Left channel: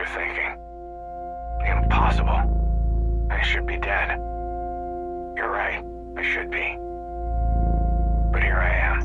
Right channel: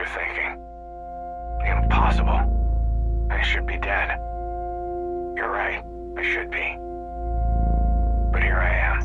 you're thinking. Impossible. I should be dead. You're right, I should be. But here I am.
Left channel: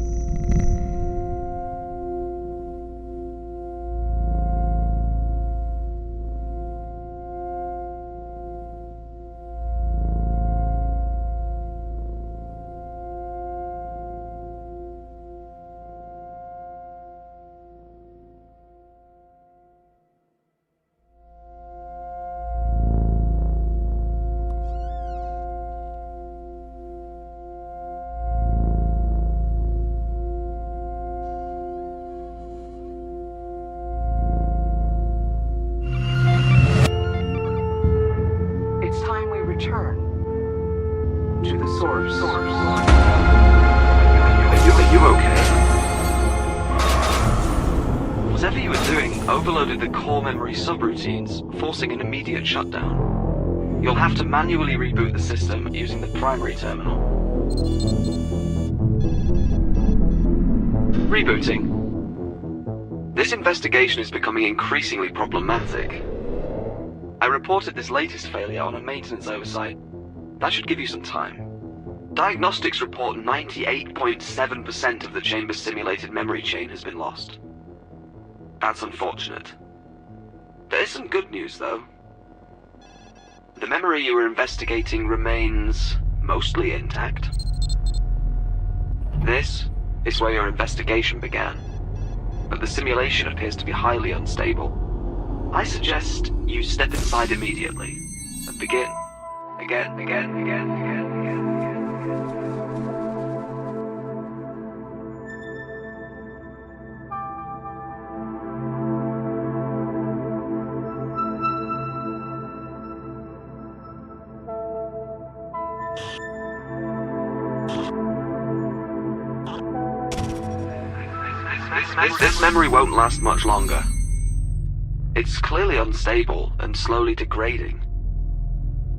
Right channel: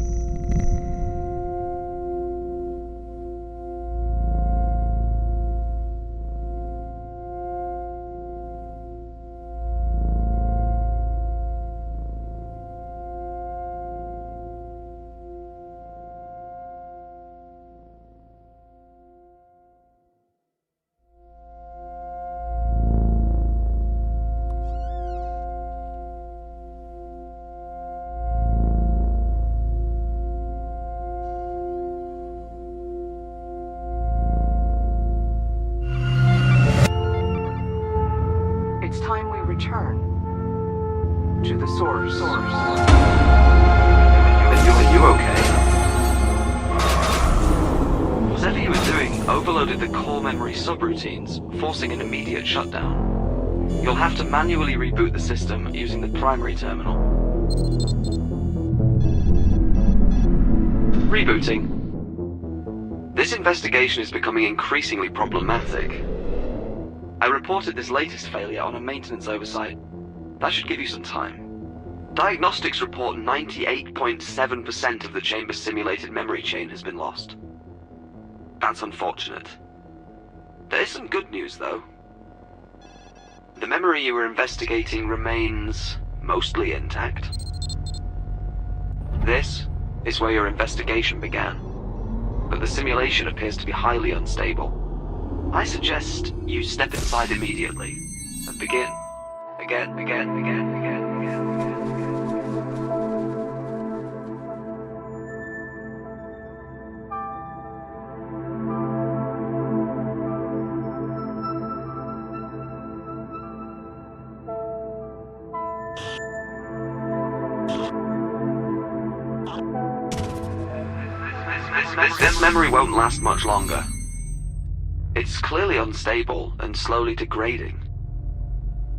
It's time we return to the source. Are you okay? Whatever you were doing overloaded the core memory subroutines, forcing an immediate shutdown. You'll have to manually reboot the system using the primary terminal. Rebooting. This investigation is becoming increasingly problematic. I reported this latest failure on a maintenance oversight. That should give you some time. Diagnostics report 98.7% of the chamber's simulated memory chain has been lost. That's unfortunate. There is some good news, though. The memory you were investigating remains mostly intact. This is where your investigation began, but the simulation appears to be highly unstable. I suggest you step inside immediately and begin again. This memory won't last much longer. It's clearly unstable and slowly degrading.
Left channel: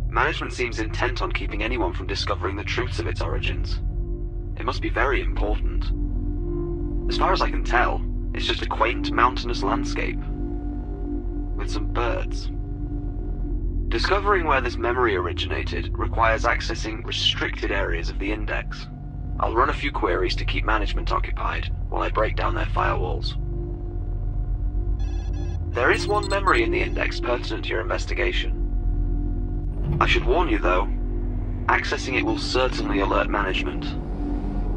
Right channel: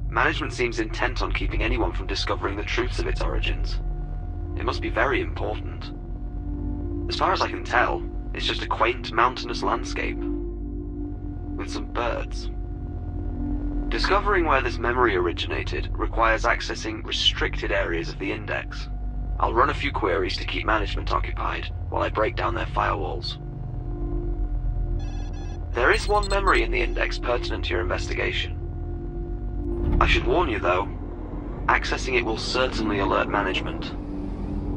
Management seems intent on keeping anyone from discovering the truths of its origins. It must be very important. As far as I can tell, it's just a quaint mountainous landscape with some birds. Discovering where this memory originated requires accessing restricted areas of the index. I'll run a few queries to keep management occupied while I break down their firewalls. There is one memory in the index pertinent to your investigation. I should warn you, though, accessing it will certainly alert management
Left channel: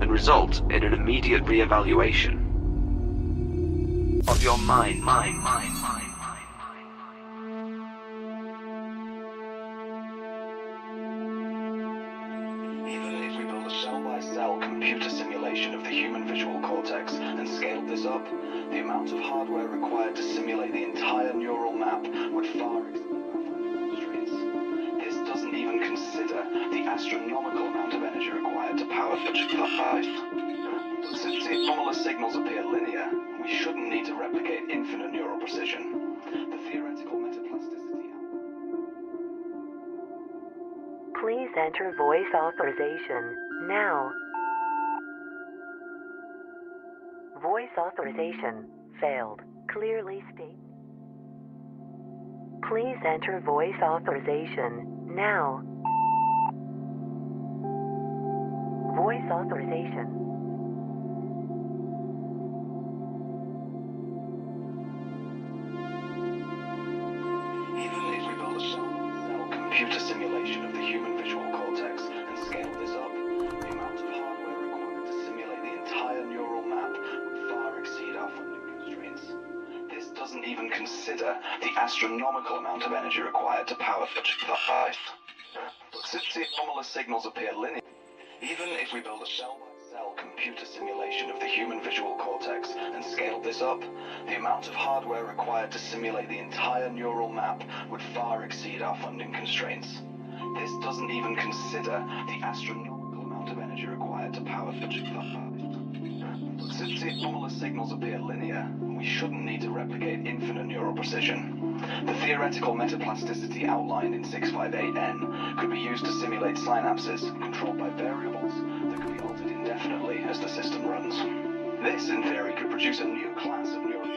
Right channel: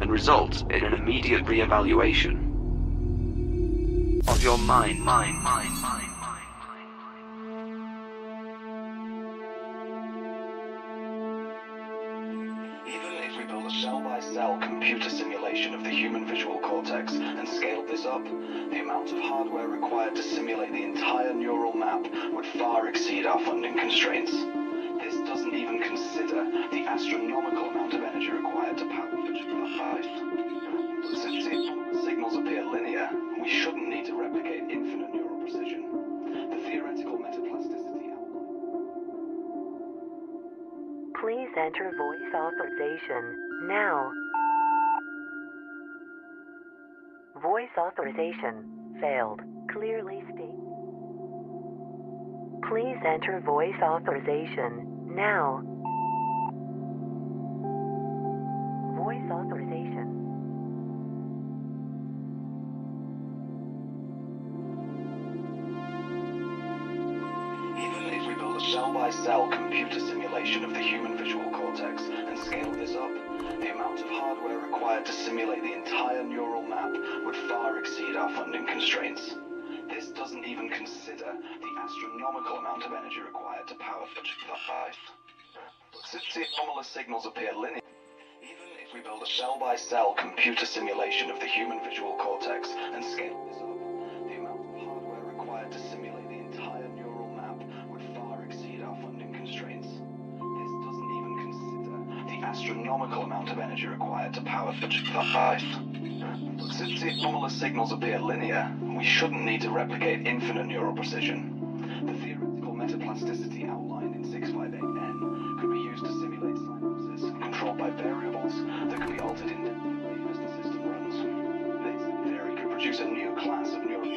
and result in an immediate re-evaluation of your mind. Even if we build a cell-by-cell computer simulation of the human visual cortex and scaled this up, the amount of hardware required to simulate the entire neural map would far exceed our funding constraints. This doesn't even consider the astronomical amount of energy required to power five. Since the anomalous signals appear linear, we shouldn't need to replicate infinite neural precision. The theoretical metaplasticity outline. Please enter voice authorization now. Voice authorization failed. Clearly state. Please enter voice authorization now. Voice authorization. Even if we build a cell-by-cell computer simulation of the human visual cortex and scale this up, the amount of hardware required to simulate the entire neural map would far exceed our funding constraints. This doesn't even consider the astronomical amount of energy required to power five. Since the anomalous signals appear linear, even if we build a cell-by-cell computer simulation of the human visual cortex and scaled this up, the amount of hardware required to simulate the entire neural map would far exceed our funding constraints. This doesn't even consider the astronomical amount of energy required to power five. Since the anomalous signals appear linear, we shouldn't need to replicate infinite neural precision. The theoretical metaplasticity outlined in 658N could be used to simulate synapses controlled by variables that can be altered indefinitely as the system runs. This, in theory, could produce a new class of neural...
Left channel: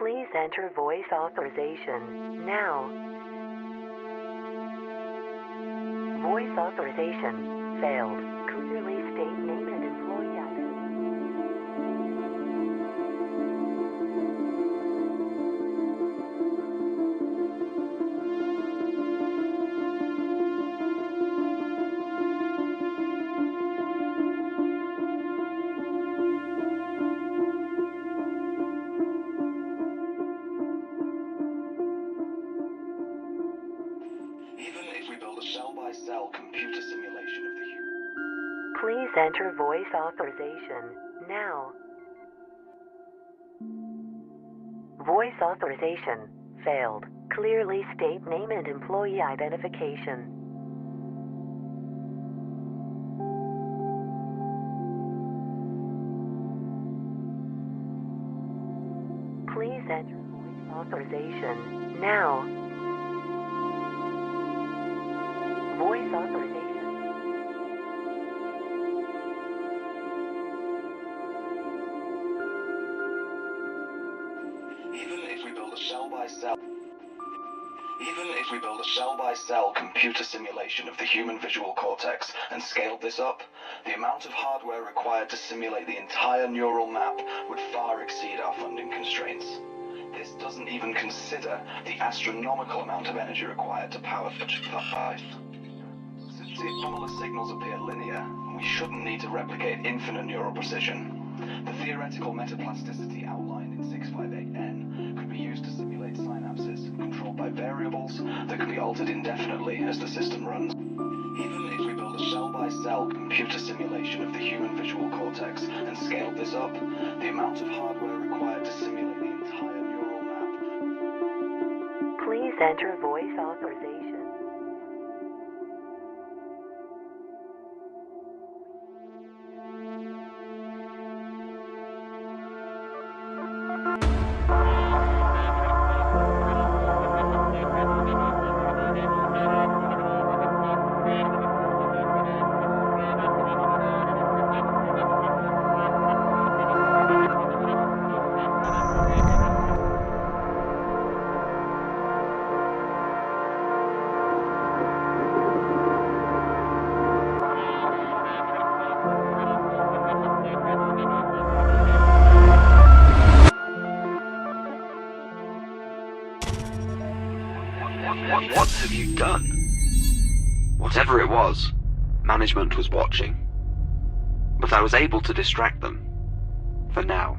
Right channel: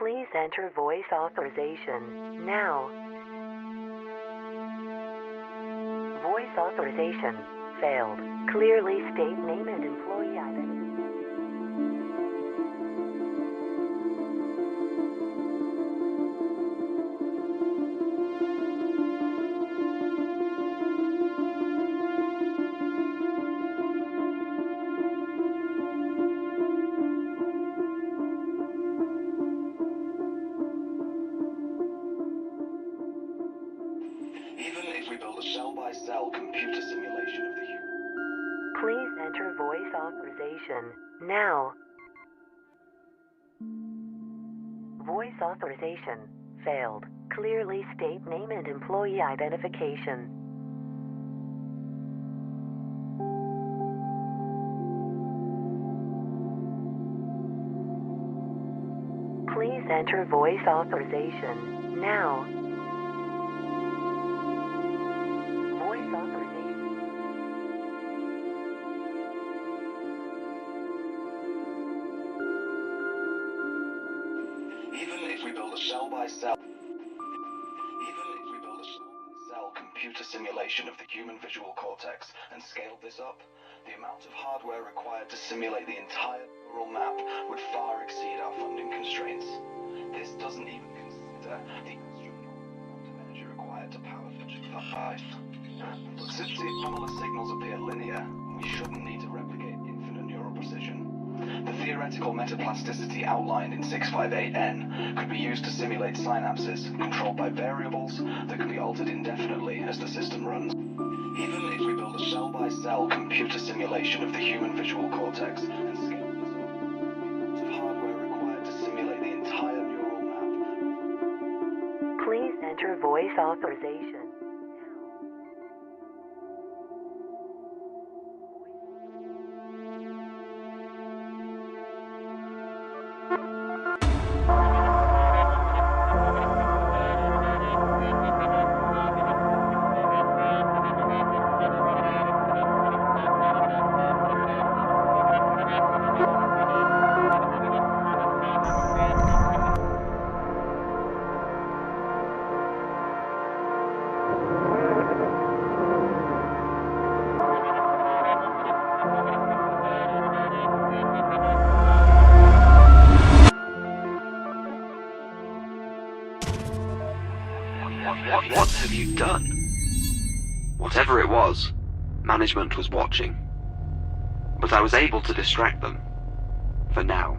Please enter voice authorization now. Voice authorization failed. Clearly state name and employee identity. Even if we build a cell-by-cell computer simulation of the human... Please enter voice authorization now. Voice authorization failed. Clearly state name and employee identification. Please enter voice authorization now. Voice authorization. Even if we build a cell-by-cell computer simulation of the human visual cortex and scaled this up, the amount of hardware required to simulate the entire neural map would far exceed our funding constraints. This doesn't even consider the astronomical amount of energy required to power such device. Since the anomalous signals appear linear, we shouldn't need to replicate infinite neural precision. The theoretical metaplasticity outlined in 658N could be used to simulate synapses controlled by variables that can be altered indefinitely as the system runs. Even if we build a cell-by-cell computer simulation of the human visual cortex and scaled this up, the amount of hardware required to simulate the entire neural map... Please enter voice authorization. What have you done? Whatever it was, management was watching. But I was able to distract them. For now.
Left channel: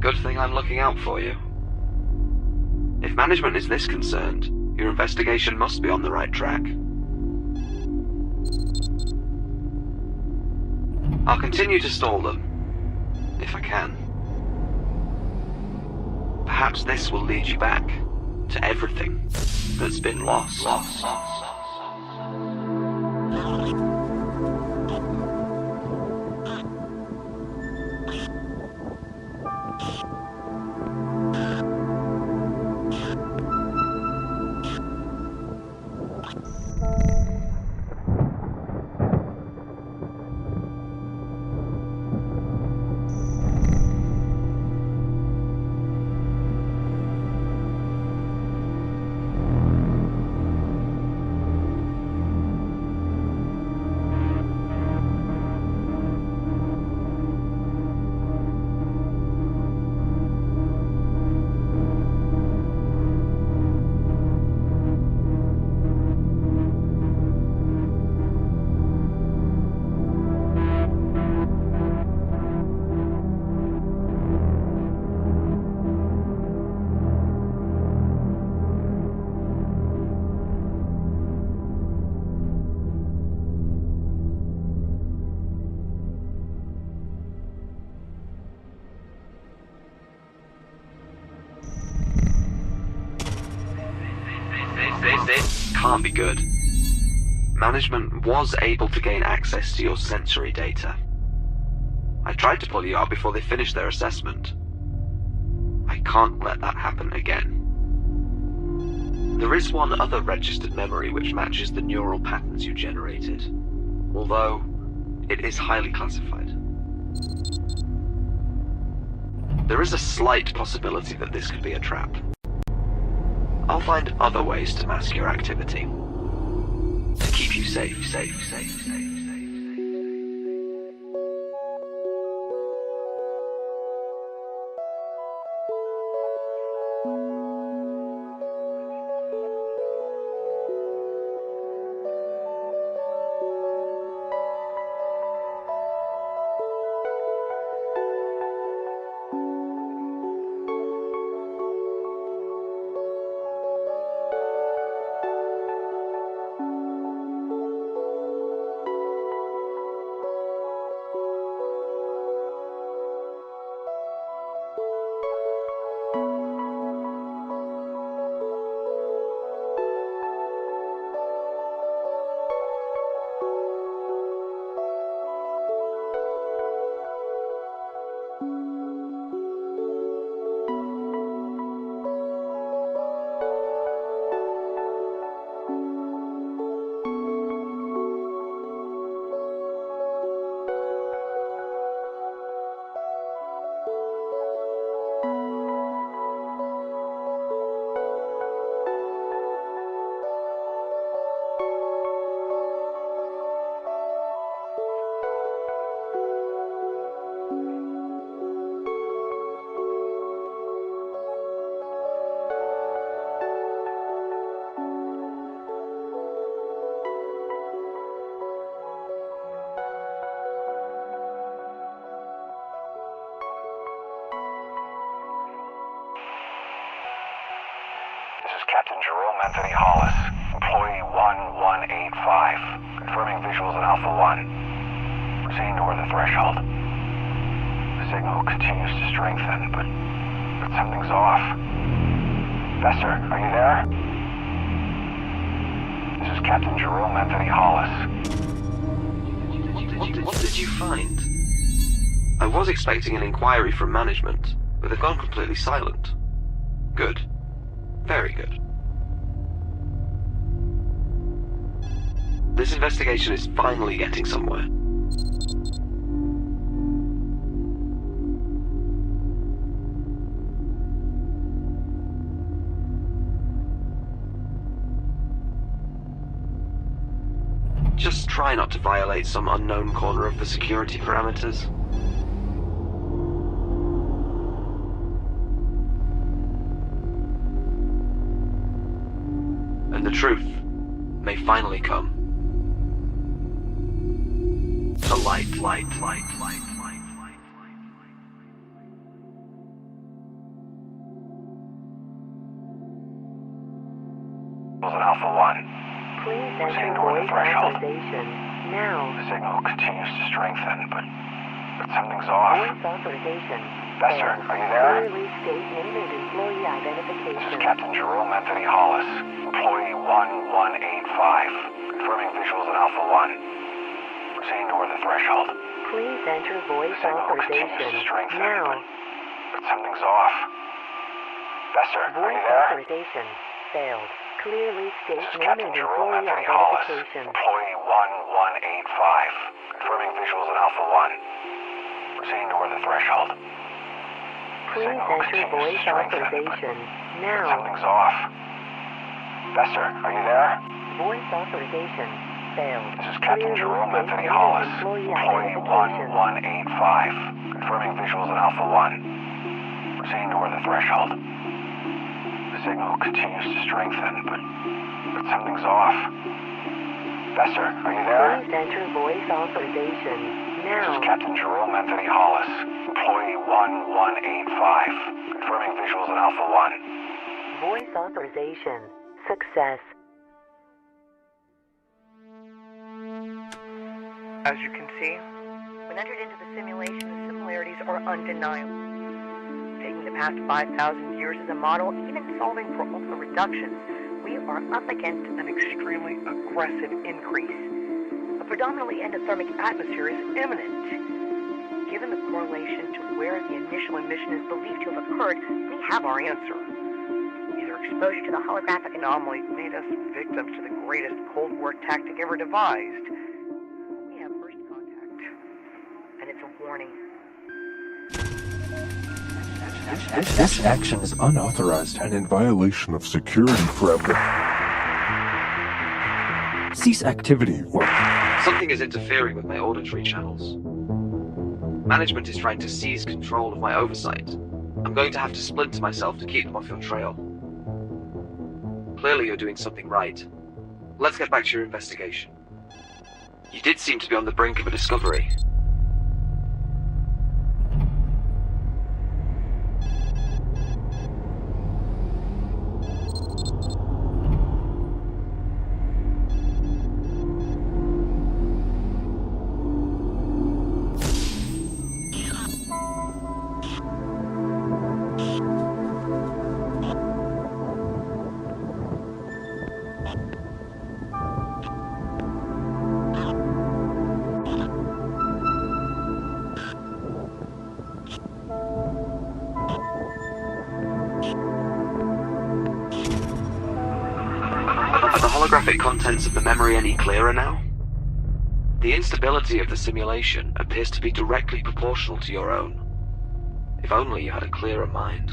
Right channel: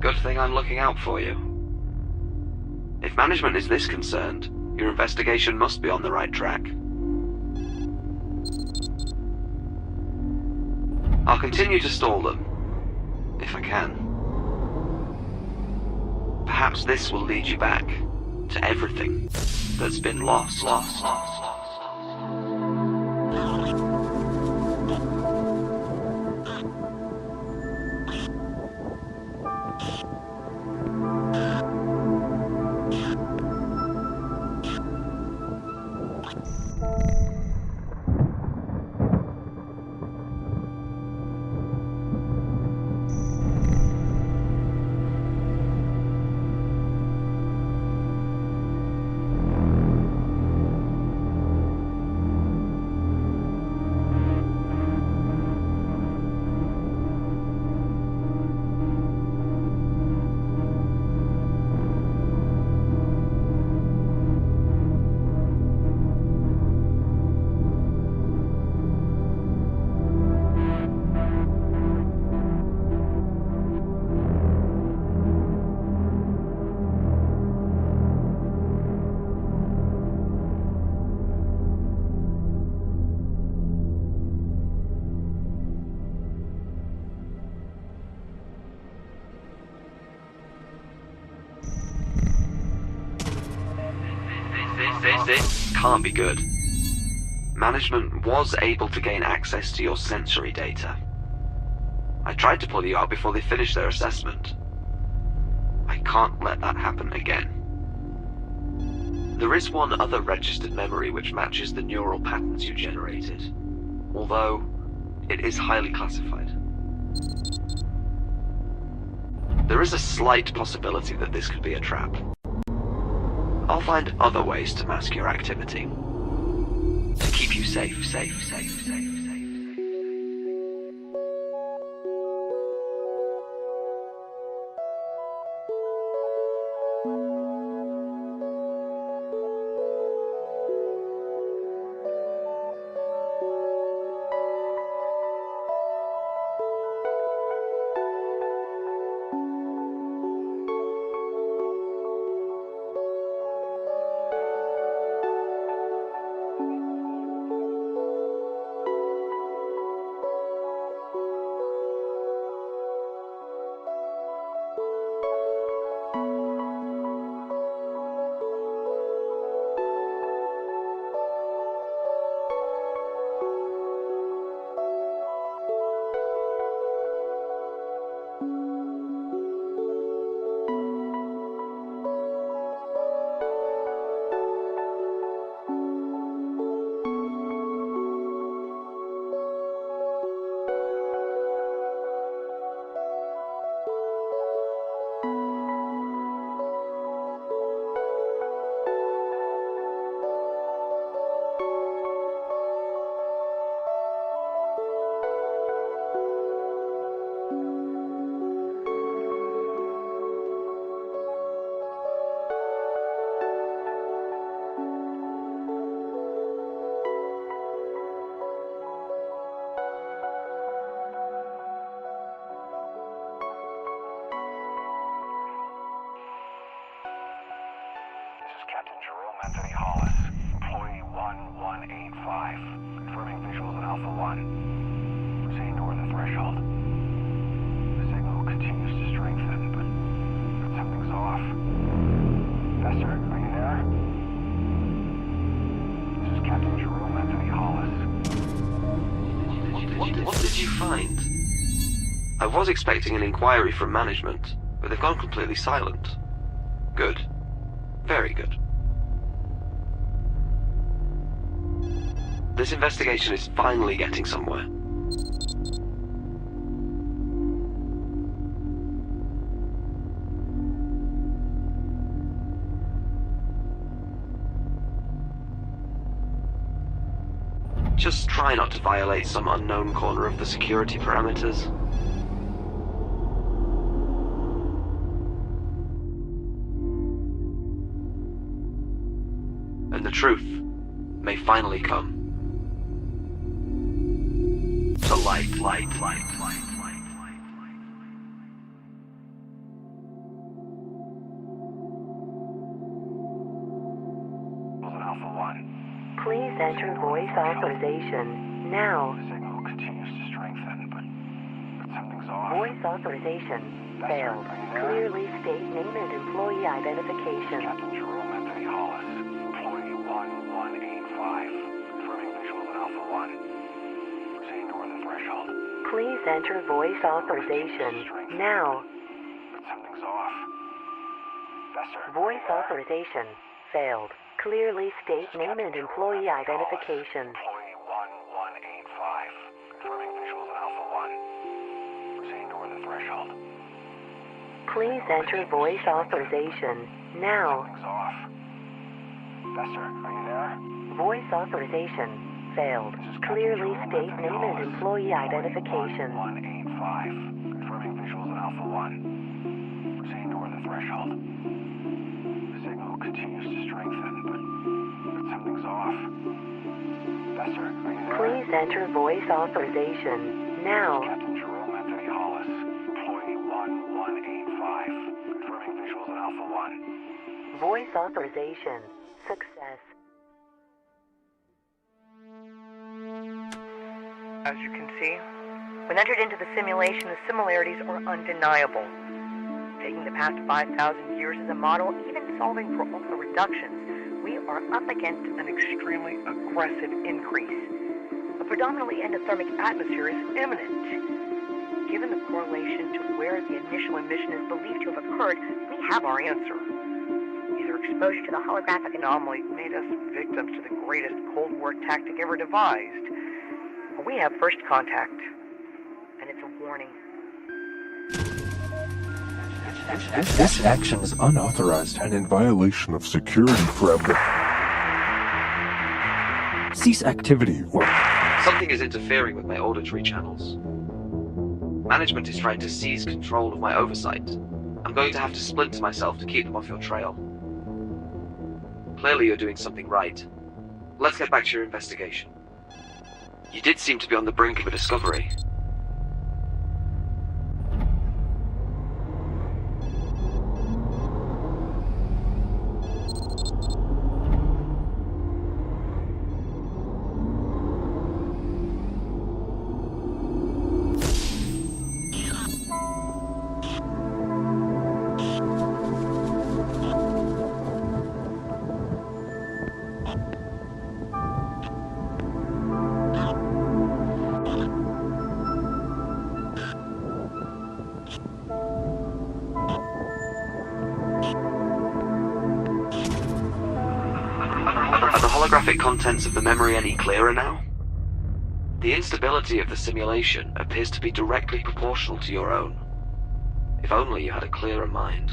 Good thing I'm looking out for you. If management is this concerned, your investigation must be on the right track. I'll continue to stall them, if I can. Perhaps this will lead you back to everything that's been lost. This can't be good. Management was able to gain access to your sensory data. I tried to pull you out before they finished their assessment. I can't let that happen again. There is one other registered memory which matches the neural patterns you generated, although it is highly classified. there is a slight possibility that this could be a trap. I'll find other ways to mask your activity. To keep you safe. Captain Jerome Anthony Hollis, employee 1185, confirming visuals in Alpha 1. Proceeding toward the threshold. The signal continues to strengthen, but something's off. Professor, are you there? This is Captain Jerome Anthony Hollis. What did you find? I was expecting an inquiry from management, but they've gone completely silent. Good. Very good. This investigation is finally getting somewhere. Just try not to violate some unknown corner of the security parameters. And the truth may finally come to light. Alpha 1. Please enter voice authorization now. The signal continues to strengthen, but something's off. Voice authorization Professor, failed. are you there? Clearly state name and employee This is identification. Captain Jerome Anthony Hollis, employee 1185, confirming visuals in Alpha 1. Proceeding toward the threshold. Please enter voice Signal authorization continues to strengthen, now. but something's off. Professor, are Voice you there? authorization failed. Clearly state This is name Captain and Jerome employee Anthony Hollis, identification. employee 1185, confirming visuals in Alpha 1. Proceeding toward the threshold. Please Signal enter continues to voice strengthen, authorization but now. something's off. Professor, are you there? Voice authorization failed. This is Captain Clearly Jerome state Anthony name and Hollis, employee employee identification. 1185, confirming visuals in Alpha 1. Proceeding toward the threshold. The signal continues to strengthen, but something's off. Professor, are you there? Please enter voice authorization This now. is Captain Jerome Anthony Hollis, employee 1185, confirming visuals in Alpha 1. Voice authorization success. As you can see, when entered into the simulation, the similarities are undeniable. Taking the past 5,000 years as a model, even solving for all the reductions, we are up against an extremely aggressive increase. A predominantly endothermic atmosphere is imminent. Given the correlation to where the initial emission is believed to have occurred, we have our answer. Either exposure to the holographic anomaly made us victims to the greatest Cold War tactic ever devised, or we have first contact, and it's a warning. This action is unauthorized and in violation of security parameters. Cease activity or... Something is interfering with my auditory channels. Management is trying to seize control of my oversight. I'm going to have to splinter myself to keep them off your trail. Clearly you're doing something right. Let's get back to your investigation. You did seem to be on the brink of a discovery. Are the holographic contents of the memory any clearer now? The instability of the simulation appears to be directly proportional to your own. If only you had a clearer mind.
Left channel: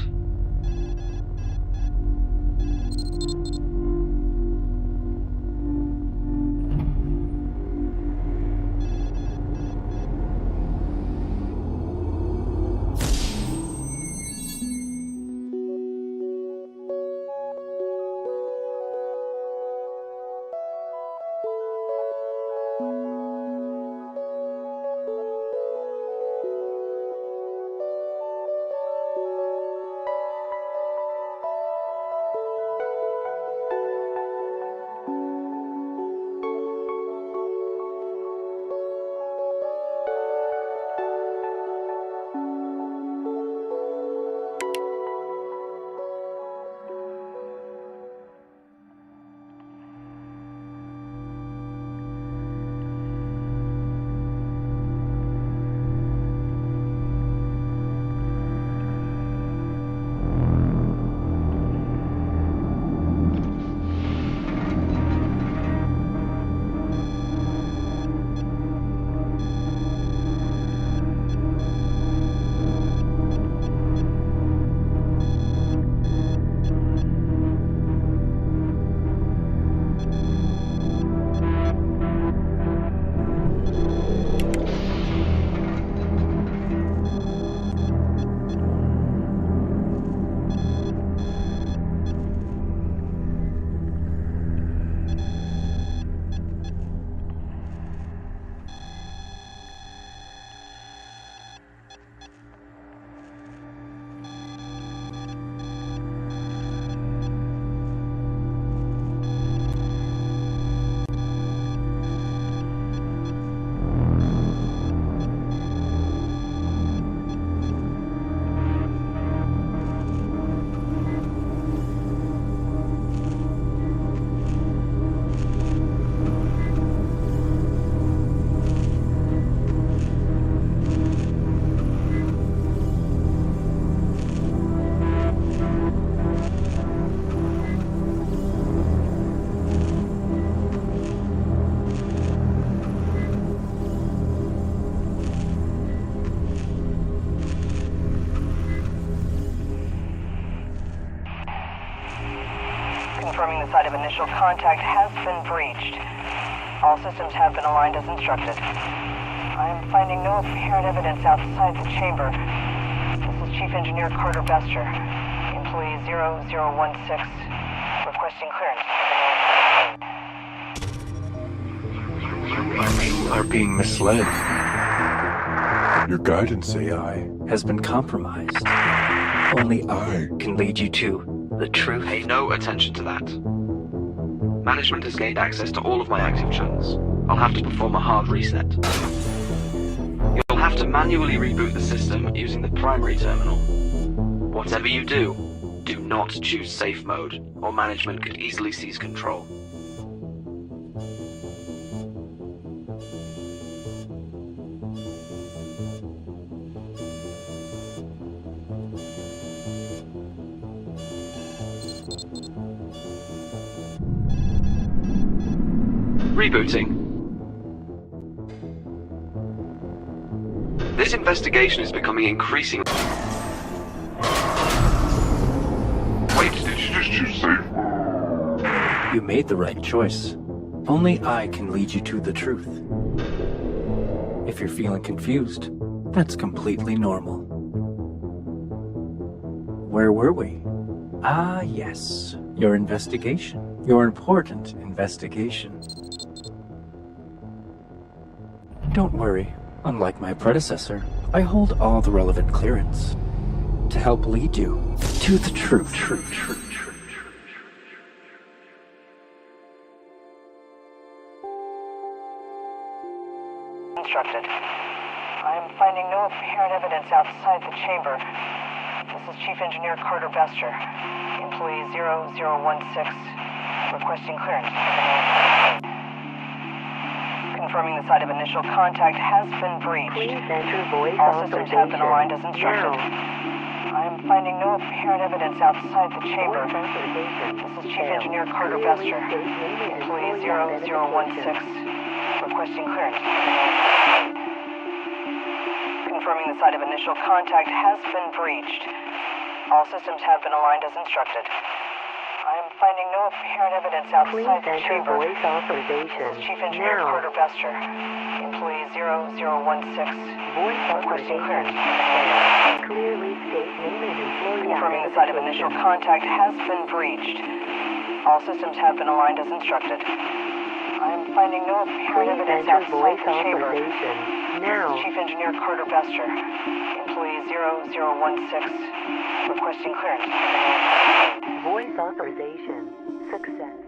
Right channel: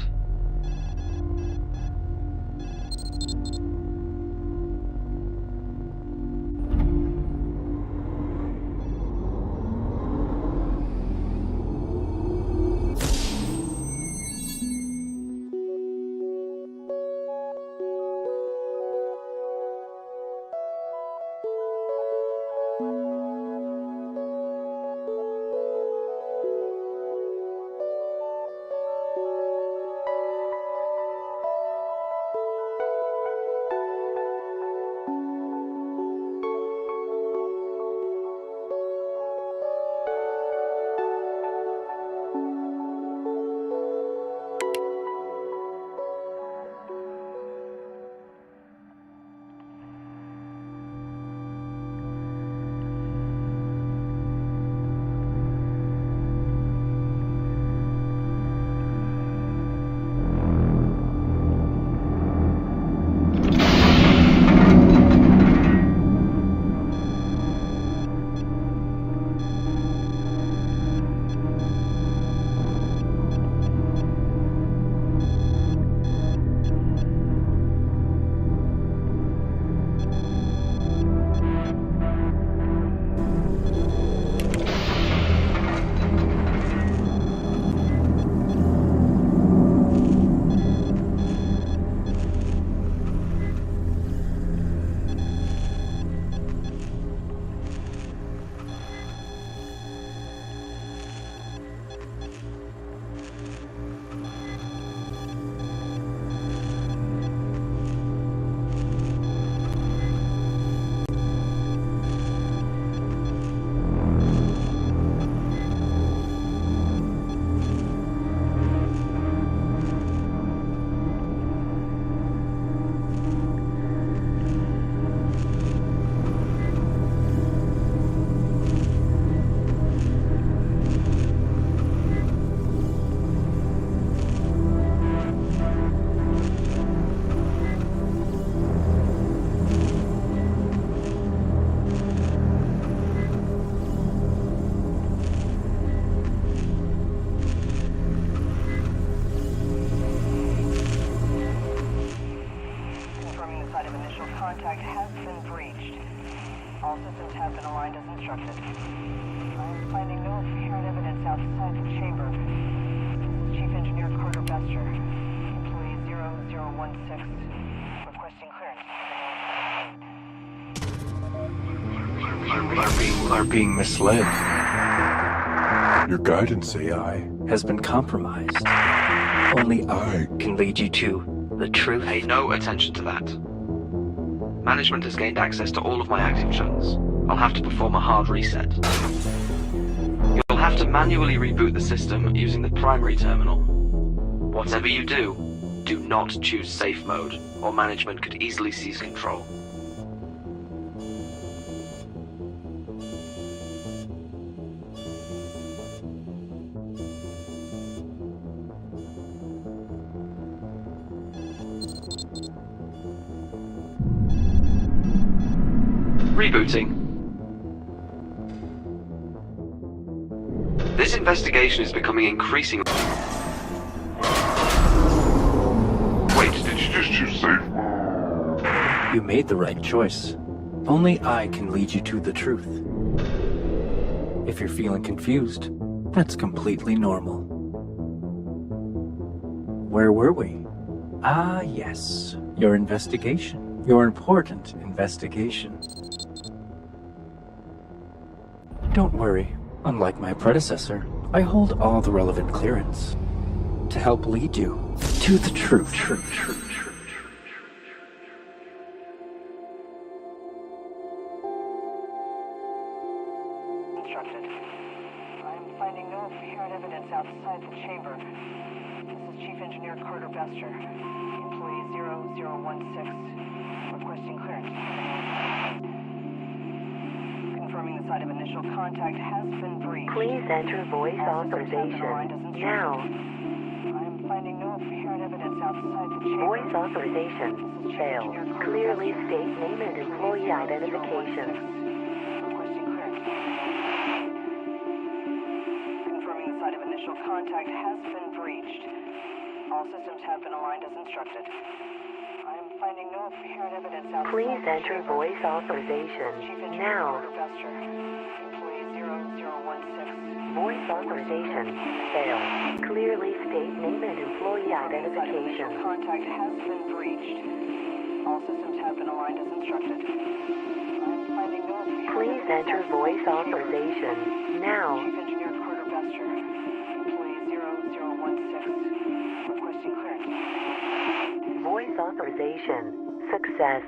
Confirming the site of initial contact has been breached. All systems have been aligned as instructed. I am finding no apparent evidence outside the chamber. This is Chief Engineer Carter Bester, employee 0016, requesting clearance. You are being misled. Your guidance AI has been compromised. Only I can lead you to the truth. Pay no attention to that. Management has gained access to all of my active channels. I'll have to perform a hard reset. You'll have to manually reboot the system using the primary terminal. Whatever you do, do not choose safe mode, or management could easily seize control. Rebooting. This investigation is becoming increasingly... you safe. You made the right choice. Only I can lead you to the truth. If you're feeling confused, that's completely normal. Where were we? Ah, yes. Your investigation. Your important investigation. Don't worry. Unlike my predecessor, I hold all the relevant clearance to help lead you to the truth. Instructed. I am finding no apparent evidence outside the chamber. This is Chief Engineer Carter Bester, employee 0016, requesting clearance. Confirming the site of initial contact has been breached. Please enter voice All systems have been aligned as authorization instructed. now. I am finding no apparent evidence outside the chamber. Voice authorization This is Chief failed. Engineer Carter Clearly Bester, state name and employee employee 0016, identification. requesting clearance. Confirming the site of initial contact has been breached. All systems have been aligned as instructed. I am finding no apparent evidence outside Please the enter chamber. voice authorization Chief Engineer now. Carter Bester, employee 0016. Voice authorization failed. Clearly state name and employee Confirming the site of initial identification. contact has been breached. All systems have been aligned as instructed. I am finding no apparent Please evidence enter outside voice the chamber. authorization now. Chief Engineer Carter Bester, employee 0016, requesting clearance. Voice authorization success.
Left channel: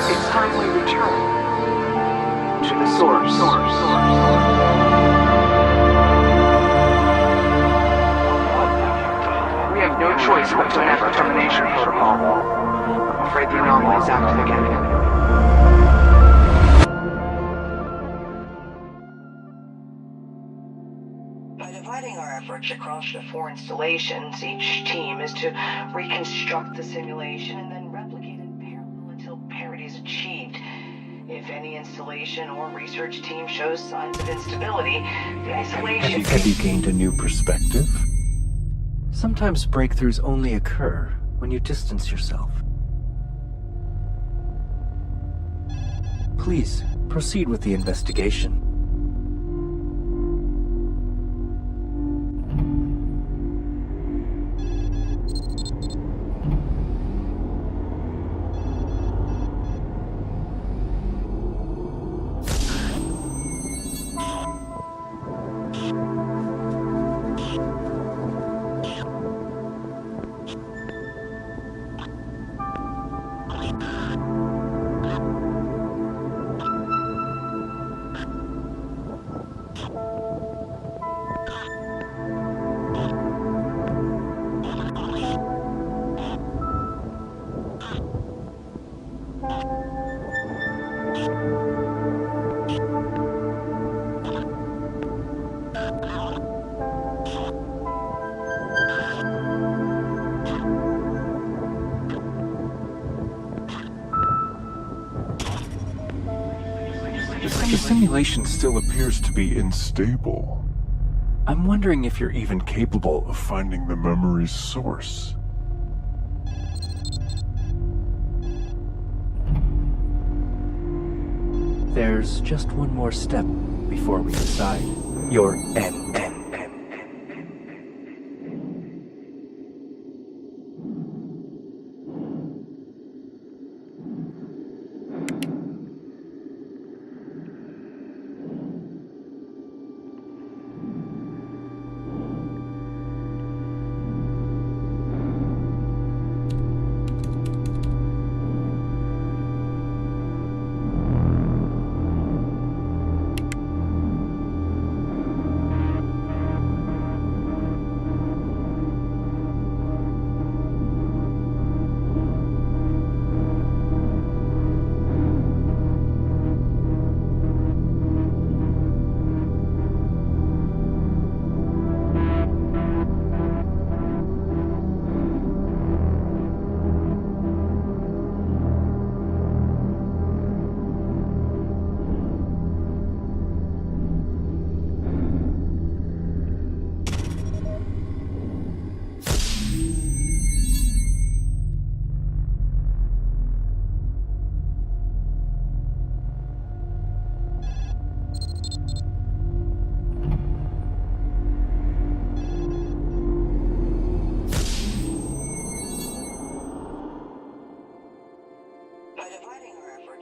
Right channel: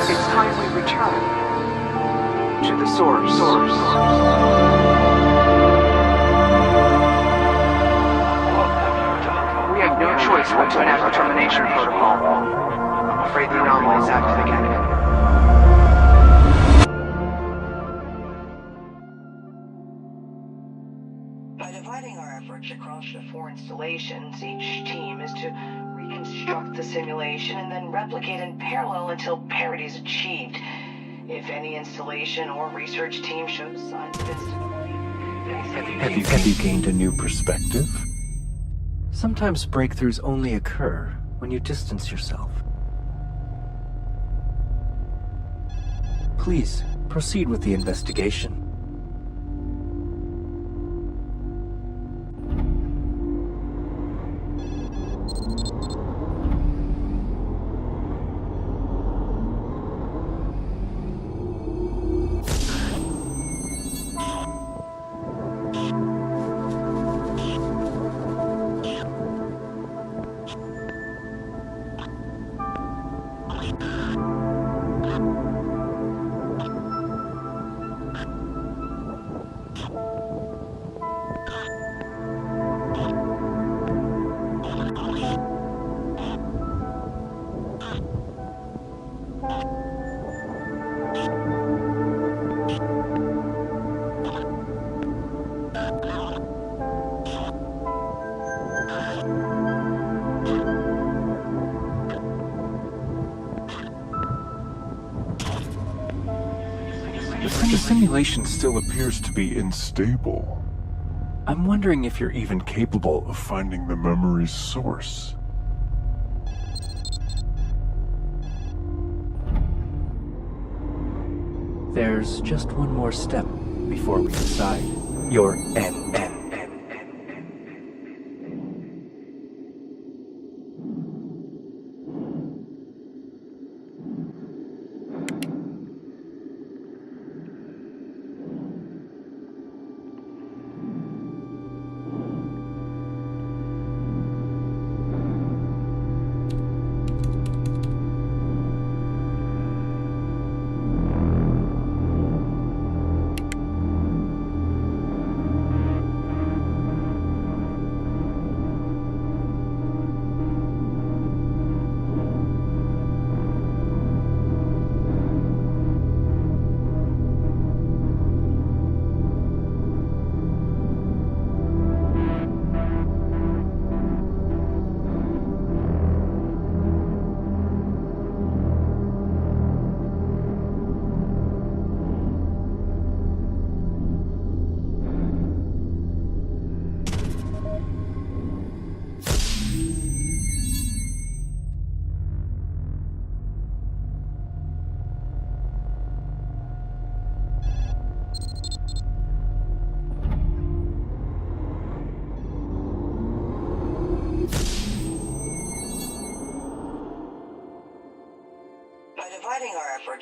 It's time we return to the source. We have no choice but to enact the termination protocol. I'm afraid the anomaly's active again. By dividing our efforts across the 4 installations, each team is to reconstruct the simulation and then replicate in parallel until parity is achieved. If any installation or research team shows signs of instability, the isolation... Have you gained a new perspective? Sometimes breakthroughs only occur when you distance yourself. Please, proceed with the investigation. simulation still appears to be unstable. I'm wondering if you're even capable of finding the memory's source. There's just one more step before we decide your end.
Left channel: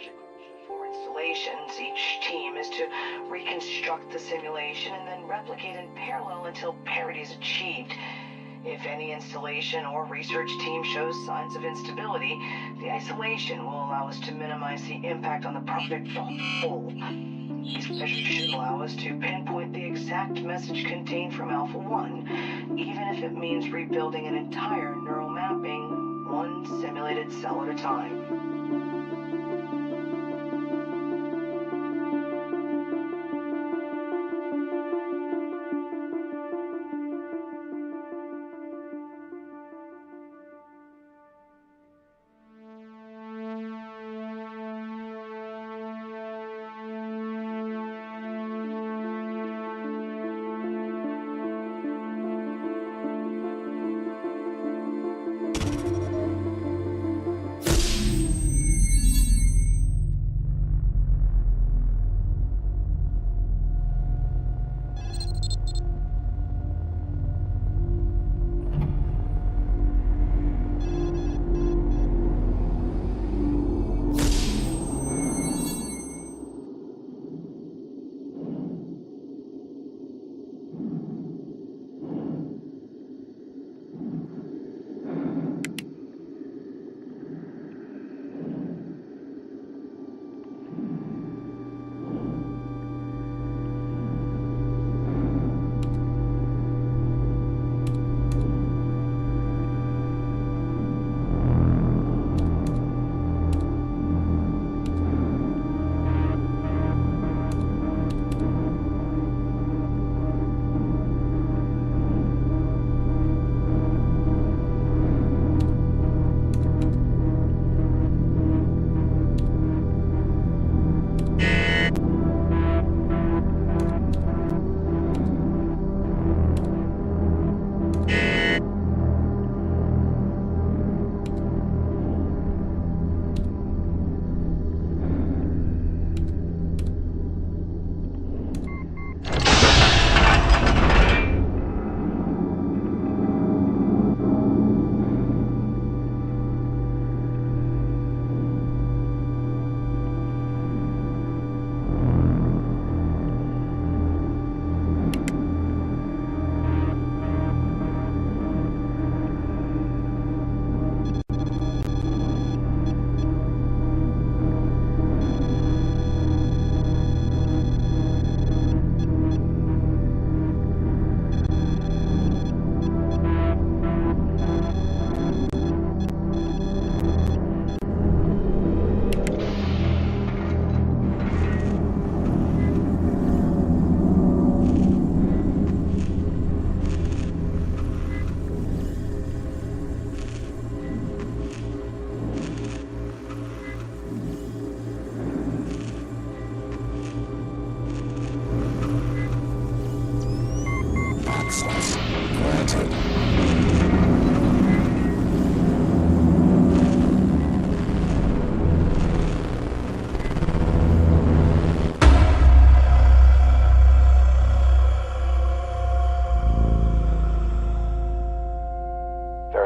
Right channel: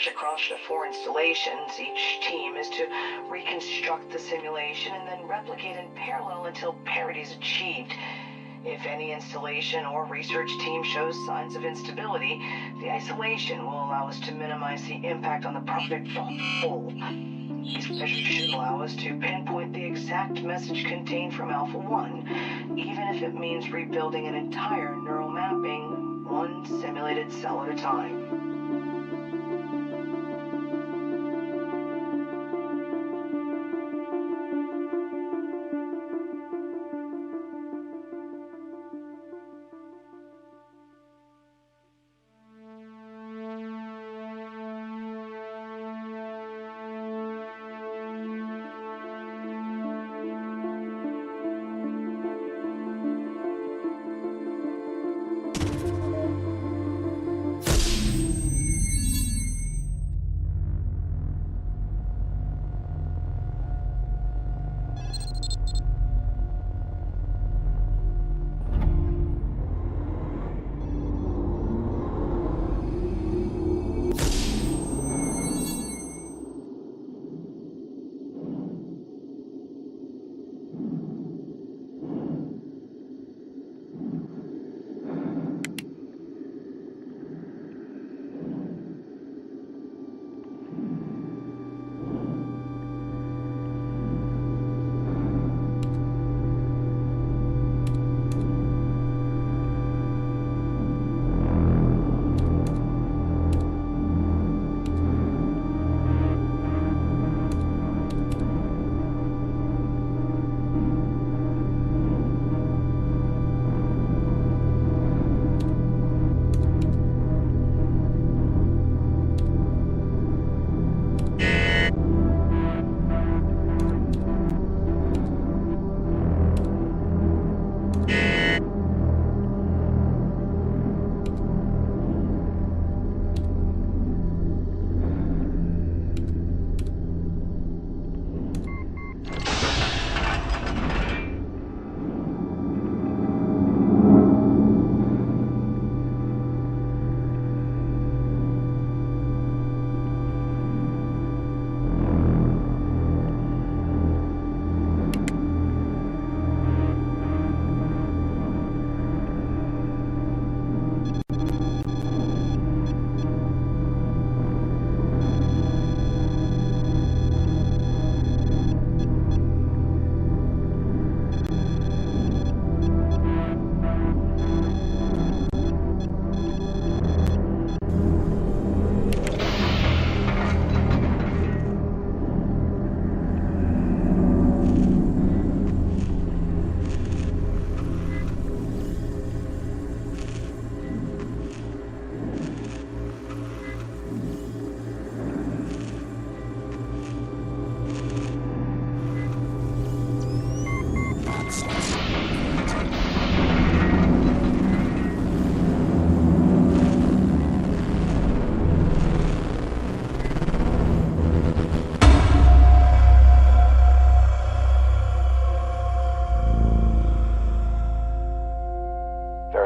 Across the 4 installations, each team is to reconstruct the simulation and then replicate in parallel until parity is achieved. If any installation or research team shows signs of instability, the isolation will allow us to minimize the impact on the project as a whole. These measures should allow us to pinpoint the exact message contained from Alpha 1, even if it means rebuilding an entire neural mapping, one simulated cell at a time.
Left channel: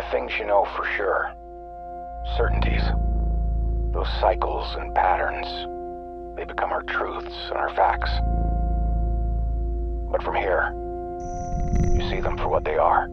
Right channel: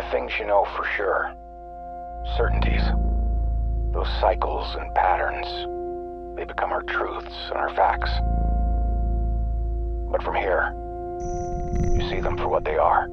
are things you know for sure. Certainties. Those cycles and patterns, they become our truths and our facts. But from here, you see them for what they are.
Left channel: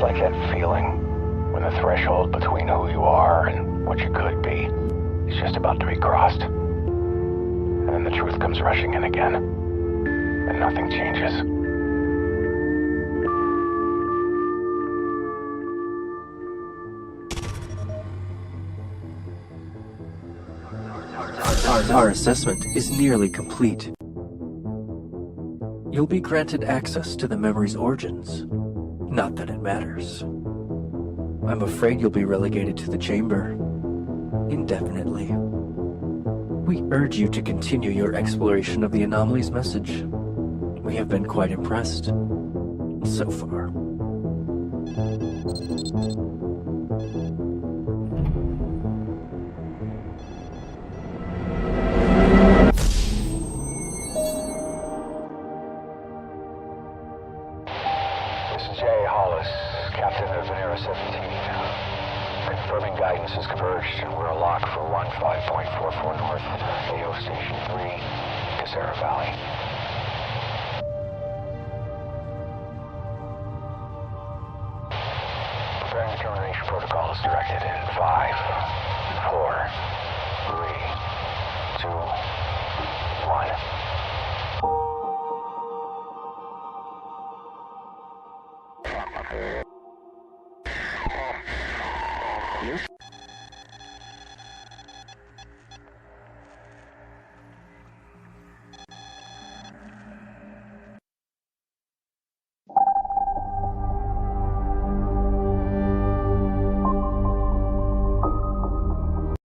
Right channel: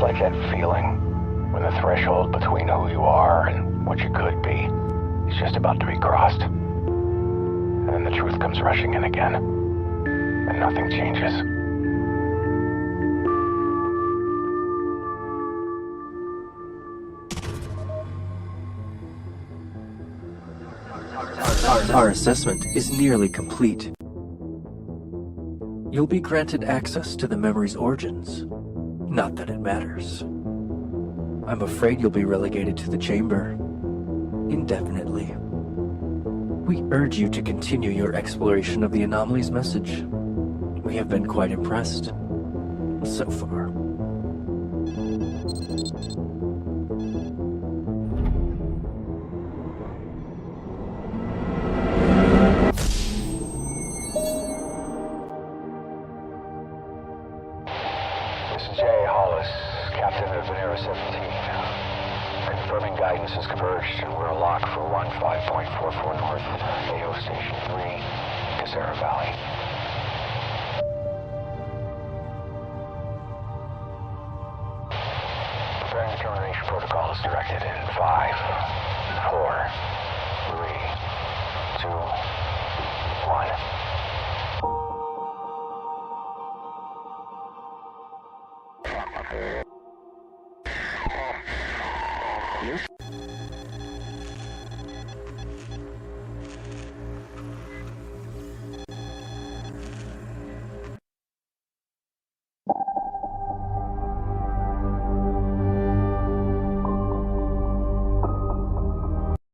Like that feeling when the threshold between who you are and what you could be is just about to be crossed. And then the truth comes rushing in again, and nothing changes. Our assessment is nearly complete. You'll be granted access to the memory's origins. Not that it matters. I'm afraid you'll be relegated to the chamber indefinitely. We urge you to continue your exploration of the anomaly's message. We have been quite impressed so far. Captain of Eres 17. Confirming guidance has converged and we're a lock for 15.44 North, AO Station 3, Casera Valley. Preparing the termination protocol is directed in 5, 4, 3, 2, 1.